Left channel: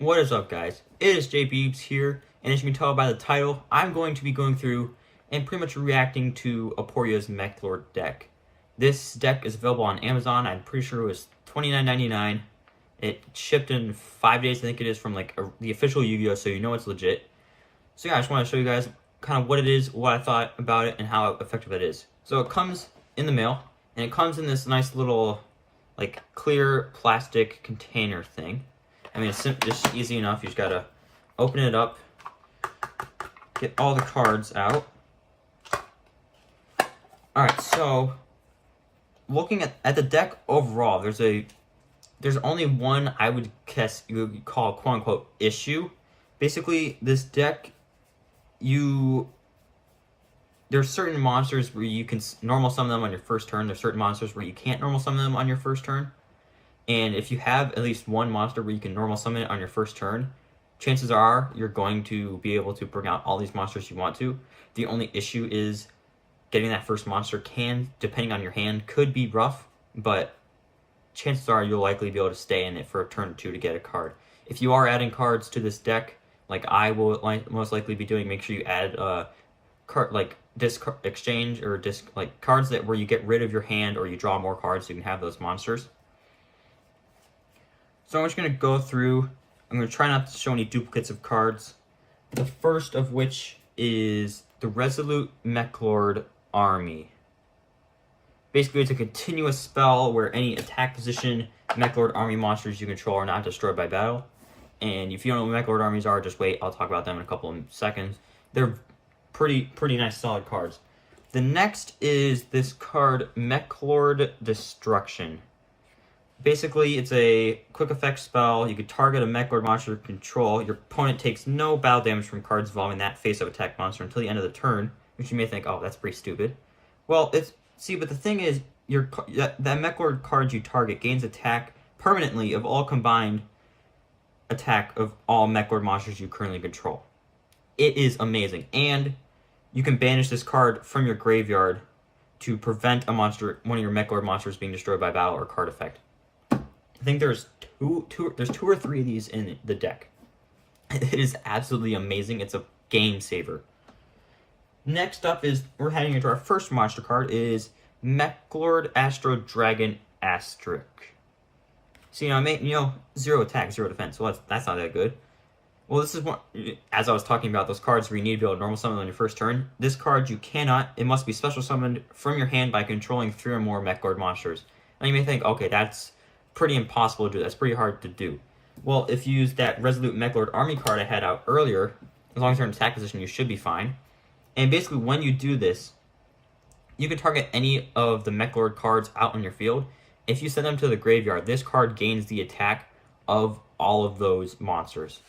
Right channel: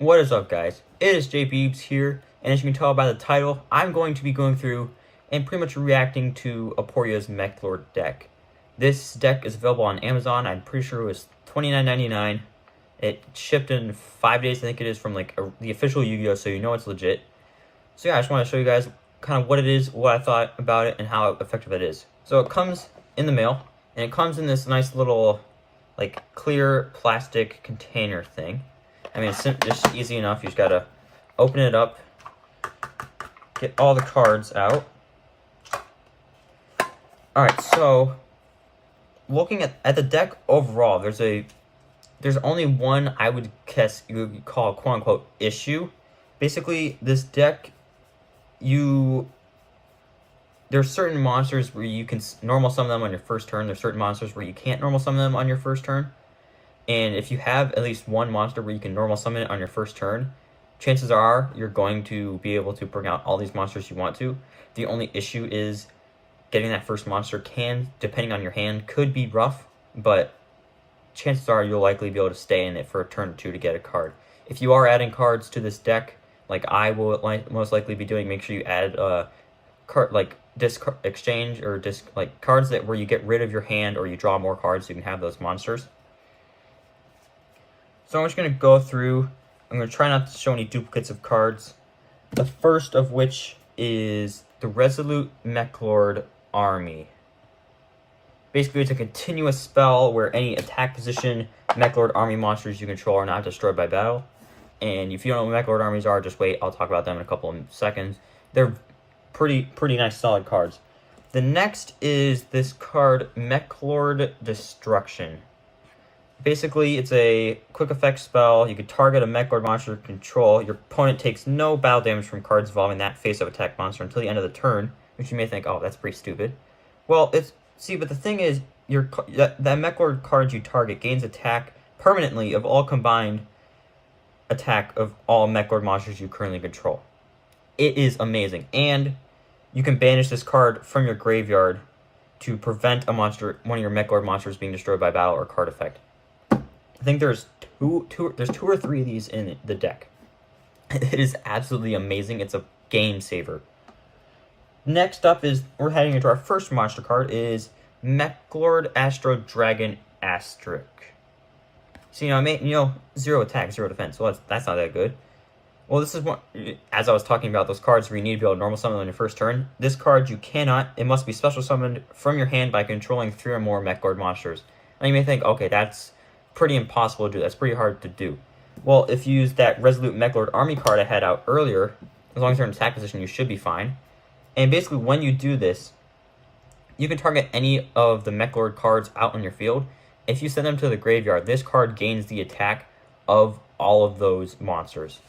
What is up, guys? It is JBeebs here, and as you can tell by the title, I'm going to be going through and pretty much reacting to Aporia's Meklord deck. This deck is available on Amazon. I'm pretty sure it was $29.99. It shipped in 5 days, I think it is, from the official Yu-Gi-Oh, so you know it's legit. So yeah, I just want to show you guys kind of what it is, what I thought about it, and how effective it is. So it comes in the mail, and it comes in this nice little clear plastic container thing. I mean, it's just easy enough. You just gotta open it up, get all the cards out. Alright, so looking at the deck overall, there's only one I would guess you would call quote unquote issue. Basically, this deck, there's certain monsters where you can normal summon them on your first turn. There's certain monsters where you can't normal summon them on your first turn. And if you have at least one monster where you can normal summon it on your first turn, chances are you're going to be able to bring out all these monsters you want to. The only issue is getting that first monster depending on your hand, could be rough, but chances are you'll likely be able to stay in it for a turn or two to get a card. If you are adding cards to this deck, like I will most likely be doing, make sure you add card disc exchange or cards where you get rid of your hand or you draw more cards so you can have those monsters. So I'm just going to go through. I'm going to try not to show any duplicates of cards. The first of which is the Resolute Meklord Army. Basically, it's a continuous spell where any attack position Meklord Army monsters you control are not destroyed by battle. And if you don't know what Meklord armies are, just wait. I'll talk about them in a couple of seconds. They're pretty nice, solid cards. The next is this card, Meklord Destruction. Basically, it's a quick effect spell. You can target a Meklord monster you control. Your opponent takes no battle damage from cards involving that face-up attack monster until the end of the turn, which you may think, oh, that's pretty stupid. Well, but the thing is, that Meklord card you target gains attack permanently of all combined attack of all Meklord monsters you currently control. It is amazing, and you can banish this card from your graveyard to prevent one of your Meklord monsters being destroyed by battle or card effect. I think there's two or three of these in the deck. It is absolutely amazing. It's a game saver. Next up is, we're heading into our first monster card, is Meklord Astro Dragon Asterisk. So, zero attack, zero defense. Well, that's not that good. Well, this is one, as I was talking about those cards where you need to be able to normal summon on your first turn. This card you cannot, it must be special summoned from your hand by controlling 3 or more Meklord monsters. Now you may think, okay, that's pretty impossible to do. That's pretty hard to do. Well, if you use that Resolute Meklord Army card I had out earlier, as long as you're in attack position, you should be fine. And basically, when you do this, you can target any of the Meklord cards out on your field. If you send them to the graveyard, this card gains the attack of all of those monsters.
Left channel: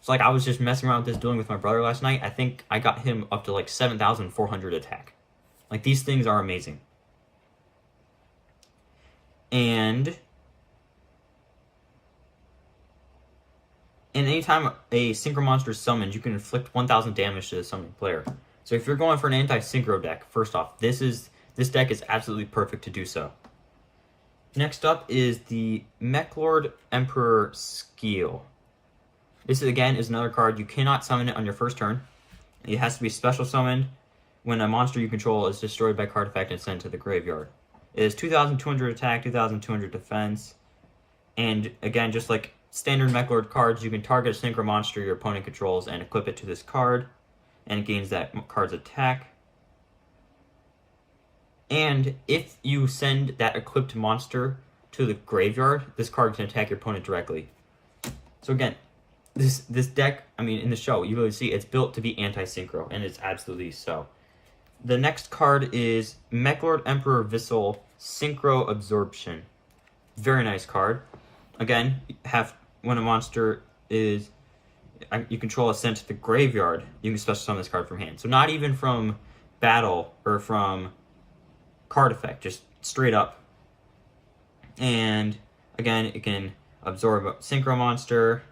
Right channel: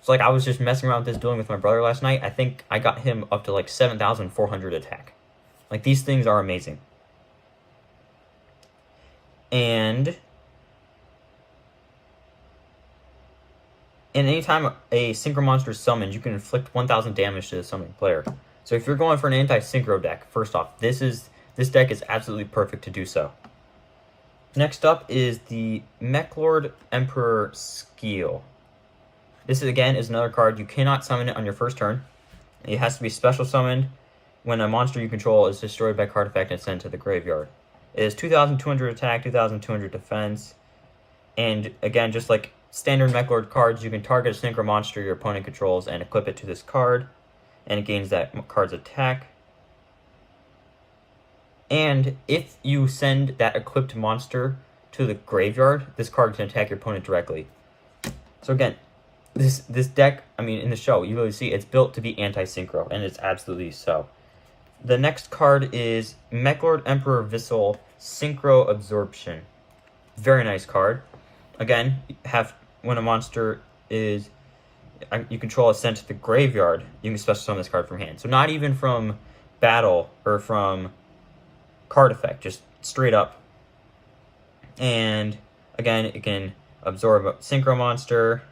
So I was just messing around with this, dueling with my brother last night. I think I got him up to 7,400 attack. These things are amazing. And anytime a synchro monster is summoned, you can inflict 1,000 damage to the summoning player. So if you're going for an anti-synchro deck, first off, this deck is absolutely perfect to do so. Next up is the Meklord Emperor Skeel. This again is another card. You cannot summon it on your first turn. It has to be special summoned when a monster you control is destroyed by card effect and sent to the graveyard. It is 2,200 attack, 2,200 defense, and again, just like standard Meklord cards, you can target a synchro monster your opponent controls and equip it to this card, and it gains that card's attack. And if you send that equipped monster to the graveyard, this card can attack your opponent directly. So again, this deck, in the show, you really see it's built to be anti-synchro, and it's absolutely so. The next card is Meklord Emperor Vissel Synchro Absorption. Very nice card. Again, when a monster you control is sent to the graveyard, you can special summon this card from hand. So not even from battle or from card effect, just straight up. And again, it can absorb a synchro monster,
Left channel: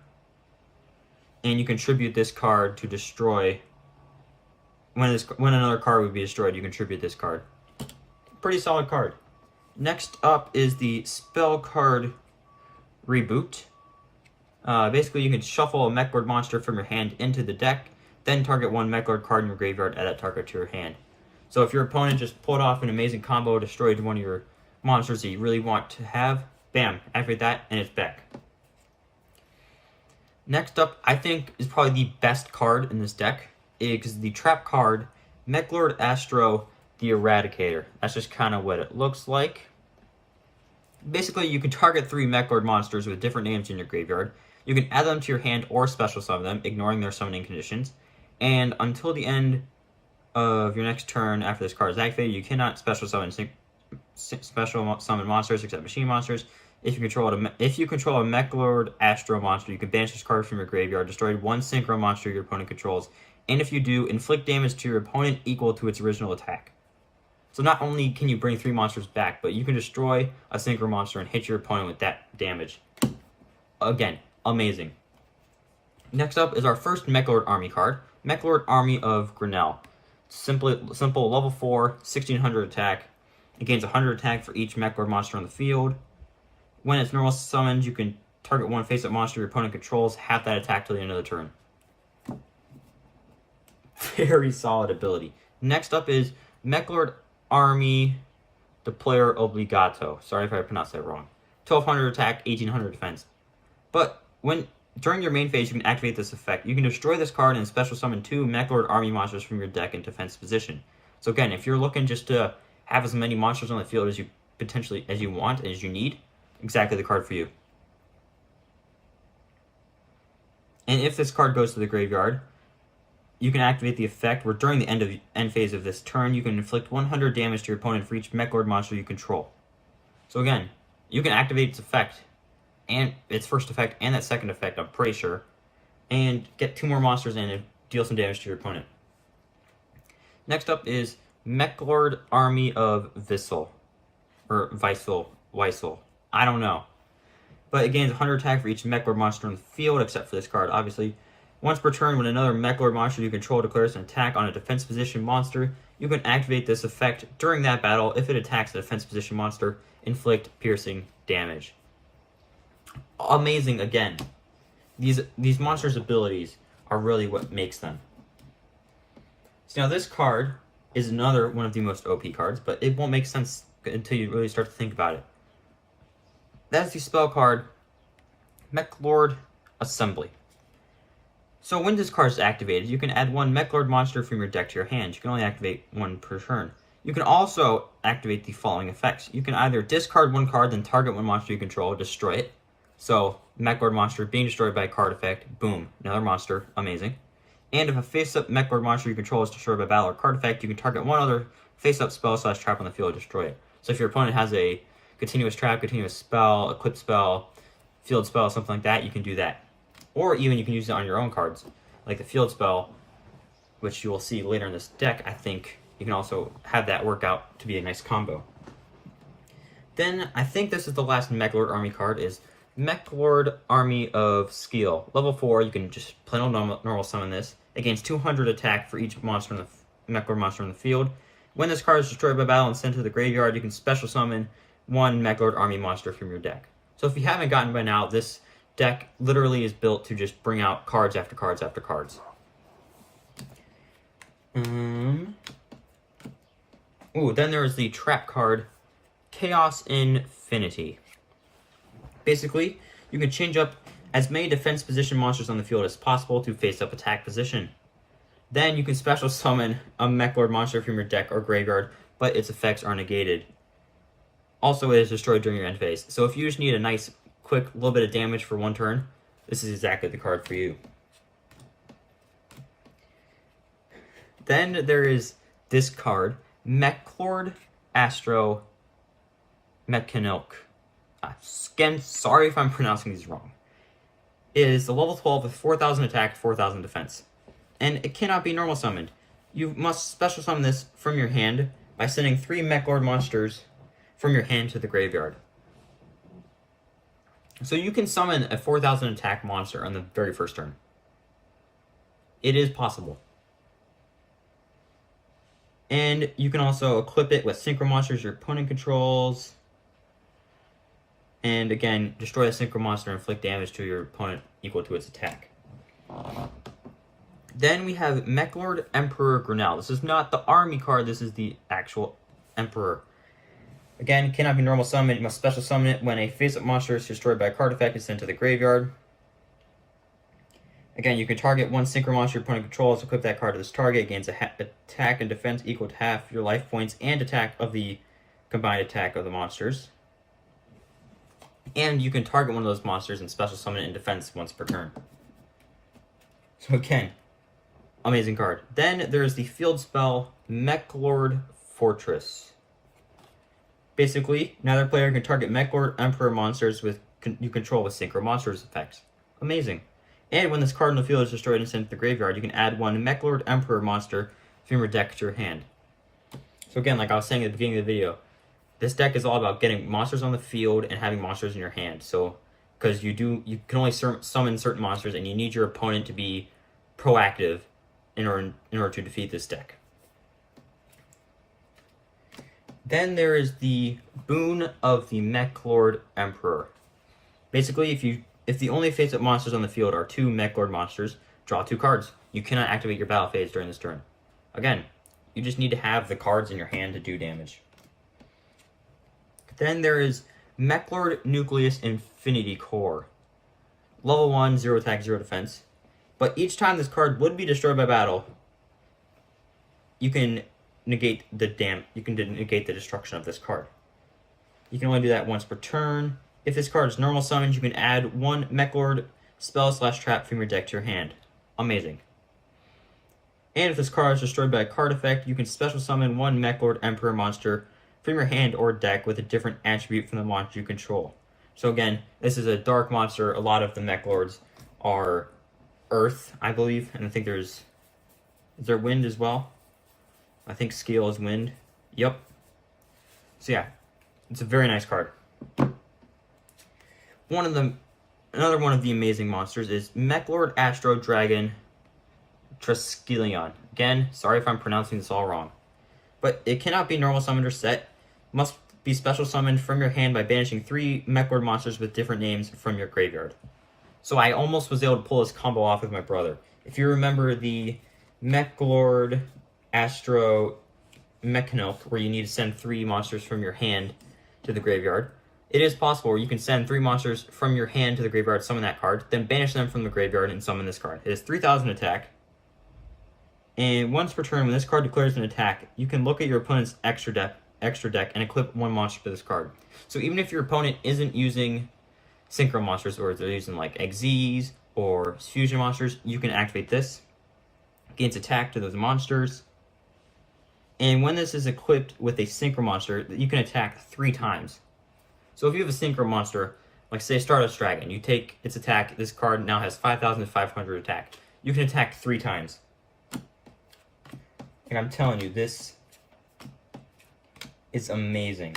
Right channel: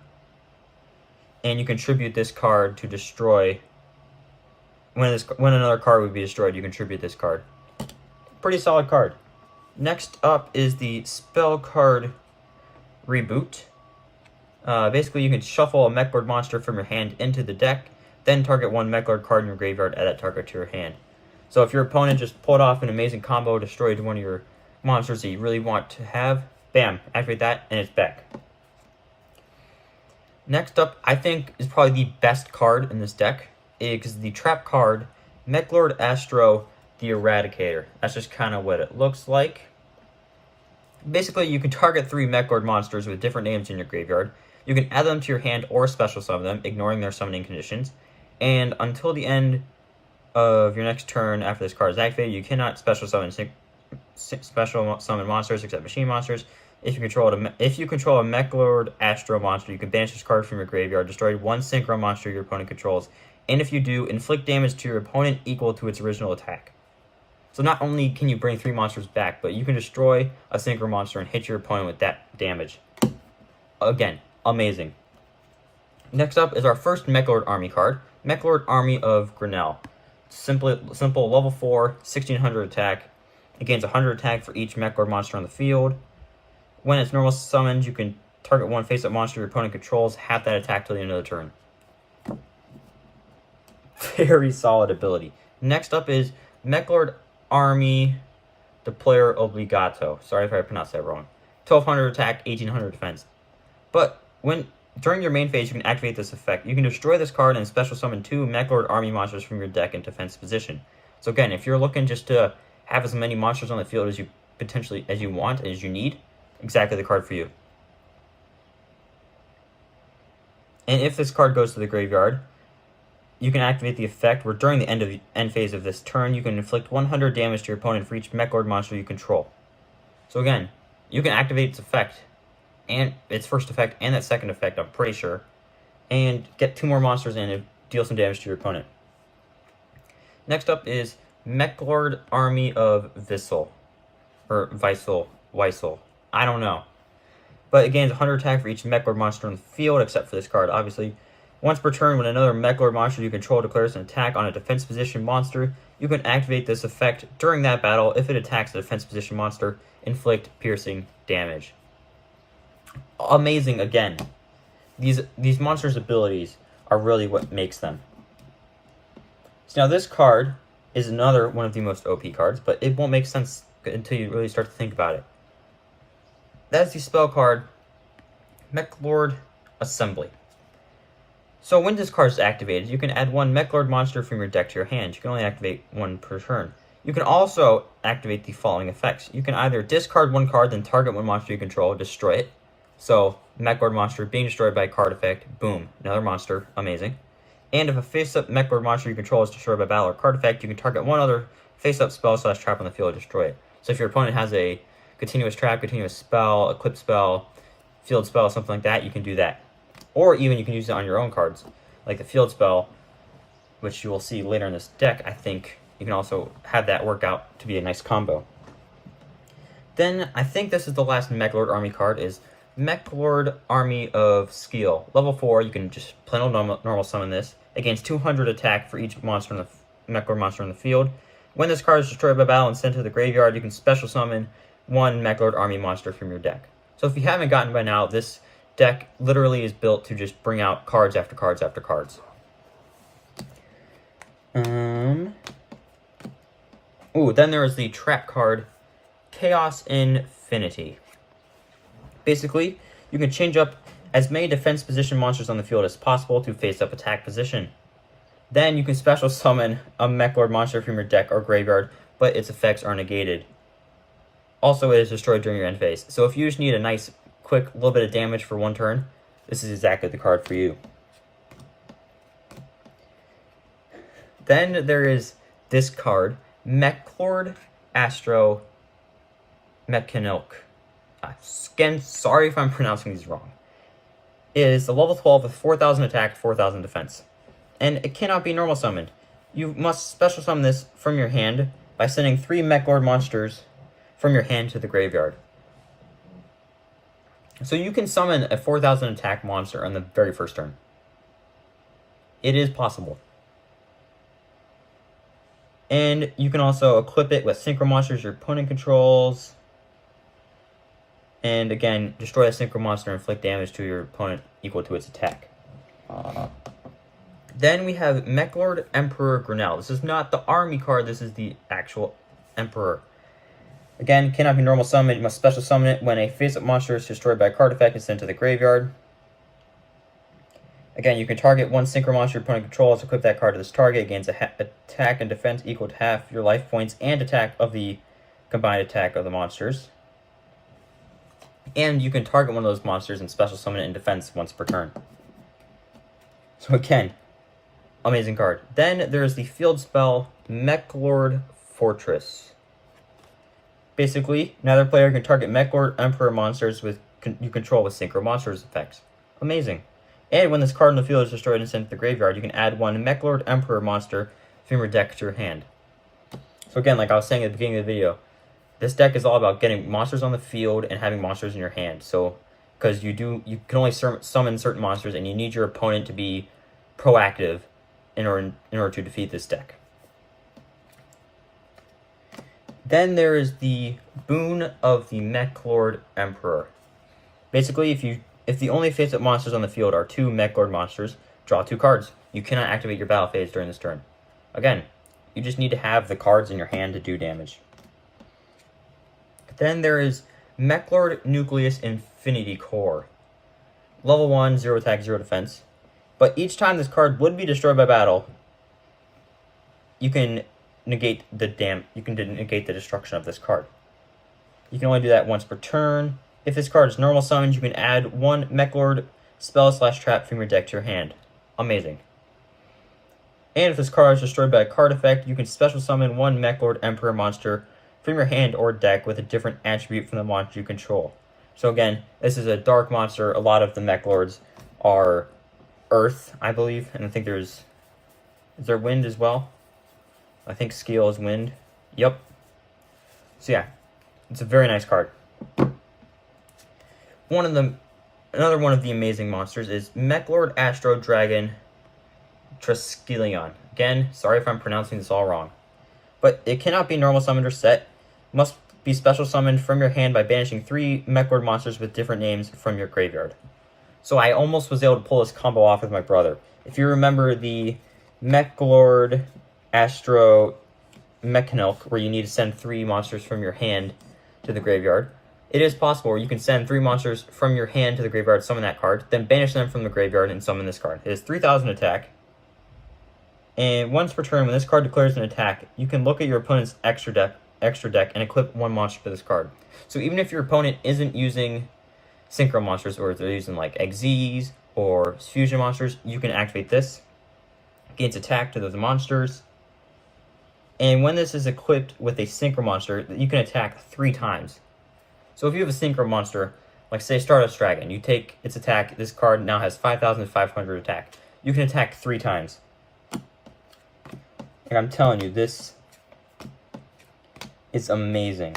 and you contribute this card to destroy. When another card would be destroyed, you contribute this card. Pretty solid card. Next up is the spell card Reboot. Basically, you can shuffle a Meklord monster from your hand into the deck, then target one Meklord card in your graveyard, add that target to your hand. So if your opponent just pulled off an amazing combo, destroyed one of your monsters that you really want to have, bam, activate that, and it's back. Next up, I think, is probably the best card in this deck, is the trap card, Meklord Astro the Eradicator. That's just kind of what it looks like. Basically, you can target 3 Meklord monsters with different names in your graveyard. You can add them to your hand or special summon them, ignoring their summoning conditions. And until the end of your next turn after this card is activated, you cannot special summon monsters except machine monsters. If you control a Meklord Astro monster, you can banish this card from your graveyard, destroy one synchro monster your opponent controls, and if you do, inflict damage to your opponent equal to its original attack. So not only can you bring 3 monsters back, but you can destroy a synchro monster and hit your opponent with that damage. Again, amazing. Next up is our first Meklord Army card, Meklord Army of Grinnell. Simple level 4, 1600 attack. It gains 100 attack for each Meklord monster on the field. When it's normal summoned, you can target one face-up monster your opponent controls, half that attack till the end of the turn. Very solid ability. Next up is Meklord Army de Player Obligato. Sorry if I pronounced that wrong. 1200 attack, 1800 defense. But during your main phase, you can activate this effect. You can destroy this card and special summon 2 Meklord Army monsters from your deck in defense position. So again, if you're looking just to have as many monsters on the field as you want, as you need, exactly the card for you. And if this card goes to the graveyard, you can activate the effect where during the end phase of this turn, you can inflict 100 damage to your opponent for each Meklord monster you control. So again, you can activate its effect, and its first effect, and that second effect, I'm pretty sure, and get 2 more monsters in and deal some damage to your opponent. Next up is Meklord Army of Vissel, or Weissel. I don't know. But it gains 100 attack for each Meklord monster on the field, except for this card, obviously. Once per turn, when another Meklord monster you control declares an attack on a defense position monster, you can activate this effect during that battle. If it attacks a defense position monster, inflict piercing damage. Amazing again. These monsters' abilities are really what makes them. So now this card is another one of the most OP cards, but it won't make sense until you really start to think about it. That is the spell card, Meklord Assembly. So when this card is activated, you can add 1 Meklord monster from your deck to your hand. You can only activate 1 per turn. You can also activate the following effects. You can either discard 1 card, then target 1 monster you control, destroy it. So, Meklord monster being destroyed by a card effect, boom, another monster, amazing. And if a face-up Meklord monster you control is destroyed by battle or card effect, you can target 1 other face-up spell/trap on the field and destroy it. So if your opponent has a continuous trap, continuous spell, eclipse spell, field spell, something like that, you can do that. Or even you can use it on your own cards, like the field spell, which you will see later in this deck. I think you can also have that work out to be a nice combo. Then, I think this is the last Meklord Army card, is Meklord Army of Skeel. Level 4, you can just plain old normal summon this. It gains 200 attack for each monster in the Meklord monster in the field. When this card is destroyed by battle and sent to the graveyard, you can special summon 1 Meklord Army monster from your deck. So if you haven't gotten by now, this deck literally is built to just bring out cards after cards after cards. Then there is the trap card, Chaos Infinity. Basically, you can change up as many defense position monsters on the field as possible to face up attack position. Then you can special summon a Meklord monster from your deck or graveyard, but its effects are negated. Also, it is destroyed during your end phase. So if you just need a nice, quick little bit of damage for 1 turn, this is exactly the card for you. Then there is this card, Meklord Astro Mechanilk. Again, sorry if I'm pronouncing these wrong. It is a level 12 with 4,000 attack, 4,000 defense. And it cannot be normal summoned. You must special summon this from your hand by sending 3 Meklord monsters from your hand to the graveyard. So you can summon a 4,000 attack monster on the very first turn. It is possible. And you can also equip it with synchro monsters your opponent controls. And again, destroy a synchro monster and inflict damage to your opponent equal to its attack. Then we have Meklord Emperor Grinnell. This is not the army card, this is the actual Emperor. Again, cannot be normal summon. You must special summon it when a face-up monster is destroyed by a card effect and sent to the graveyard. Again, you can target one synchro monster your opponent controls, equip that card to this target, gains attack and defense equal to half your life points and attack of the combined attack of the monsters. And you can target one of those monsters and special summon it in defense once per turn. So again, amazing card. Then there's the field spell Meklord Fortress. Basically, neither player can target Meklord Emperor monsters you control with synchro monsters effects. Amazing. And when this card in the field is destroyed and sent to the graveyard, you can add one Meklord Emperor monster from your deck to your hand. So again, like I was saying at the beginning of the video, this deck is all about getting monsters on the field and having monsters in your hand. So, because you can only summon certain monsters, and you need your opponent to be proactive in order to defeat this deck. Then there is the boon of the Meklord Emperor. Basically, if the only face-up monsters on the field are 2 Meklord monsters, draw 2 cards. You cannot activate your battle phase during this turn. Again, you just need to have the cards in your hand to do damage. Then there is Meklord Nucleus Infinity Core. Level 1, 0 attack, 0 defense. But each time this card would be destroyed by battle, you can negate the destruction of this card. You can only do that once per turn. If this card is normal summoned, you can add 1 Meklord spell/trap from your deck to your hand. Amazing. And if this card is destroyed by a card effect, you can special summon 1 Meklord Emperor monster from your hand or deck with a different attribute from the monster you control. So again, this is a dark monster. A lot of the Meklords are earth, I believe, and I think is there wind as well? I think Scale is wind. Yep. So yeah, it's a very nice card. Another one of the amazing monsters is Meklord Astro Dragon Triskelion. Again, sorry if I'm pronouncing this all wrong. But it cannot be normal summoned or set. Must be special summoned from your hand by banishing 3 Meklord monsters with different names from your graveyard. So I almost was able to pull this combo off with my brother. If you remember the Meklord Astro Mechanilk, where you need to send 3 monsters from your hand to the graveyard, it is possible where you can send 3 monsters from your hand to the graveyard, summon that card, then banish them from the graveyard and summon this card. It is 3,000 attack. And once per turn, when this card declares an attack, you can look at your opponent's extra deck and equip 1 monster to this card. So even if your opponent isn't using synchro monsters, or they're using like Xyz or fusion monsters, you can activate this. Gains attack to those monsters. And when this is equipped with a synchro monster, you can attack 3 times. So if you have a synchro monster, like say Stardust Dragon, you take its attack, this card now has 5,500 attack. You can attack 3 times. Like I'm telling you, this is amazing.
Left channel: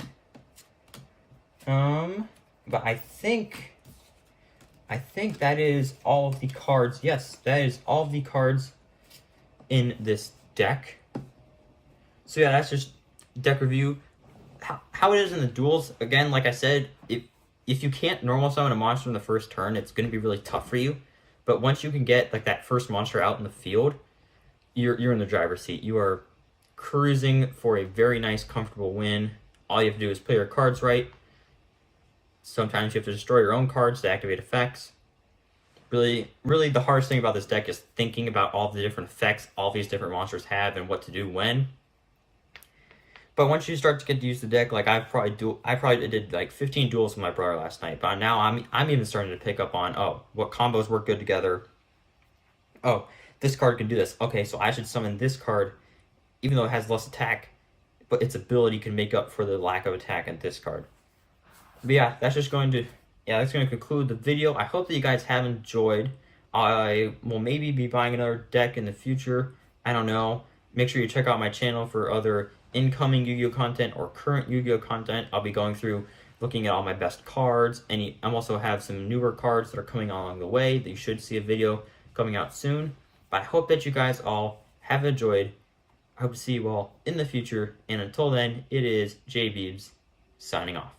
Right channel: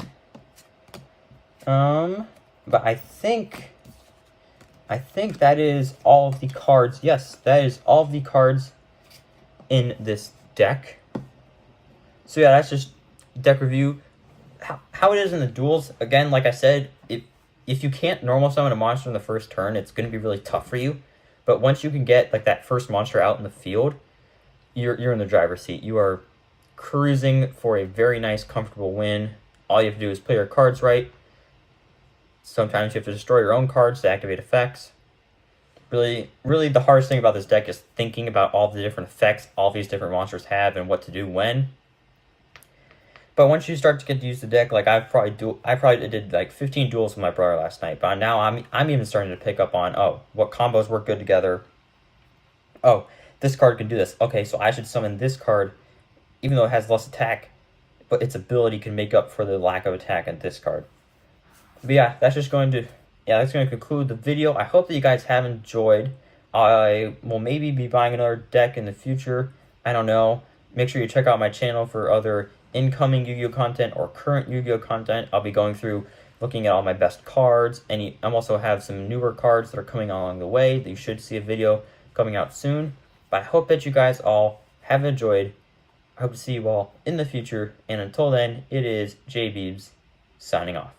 But I think that is all of the cards. Yes, that is all of the cards in this deck. So yeah, that's just deck review. How it is in the duels, again, like I said, if you can't normal summon a monster in the first turn, it's going to be really tough for you. But once you can get like that first monster out in the field, you're in the driver's seat. You are cruising for a very nice, comfortable win. All you have to do is play your cards right. Sometimes you have to destroy your own cards to activate effects. Really, the hardest thing about this deck is thinking about all the different effects all these different monsters have and what to do when. But once you start to get to use the deck, like I probably did like 15 duels with my brother last night. But now I'm even starting to pick up on, oh, what combos work good together. Oh, this card can do this. Okay, so I should summon this card, even though it has less attack, but its ability can make up for the lack of attack in this card. But yeah, that's going to conclude the video. I hope that you guys have enjoyed. I will maybe be buying another deck in the future. I don't know. Make sure you check out my channel for other incoming Yu-Gi-Oh content or current Yu-Gi-Oh content. I'll be going through looking at all my best cards. I also have some newer cards that are coming along the way that you should see a video coming out soon. But I hope that you guys all have enjoyed. I hope to see you all in the future. And until then, it is JBeebs signing off.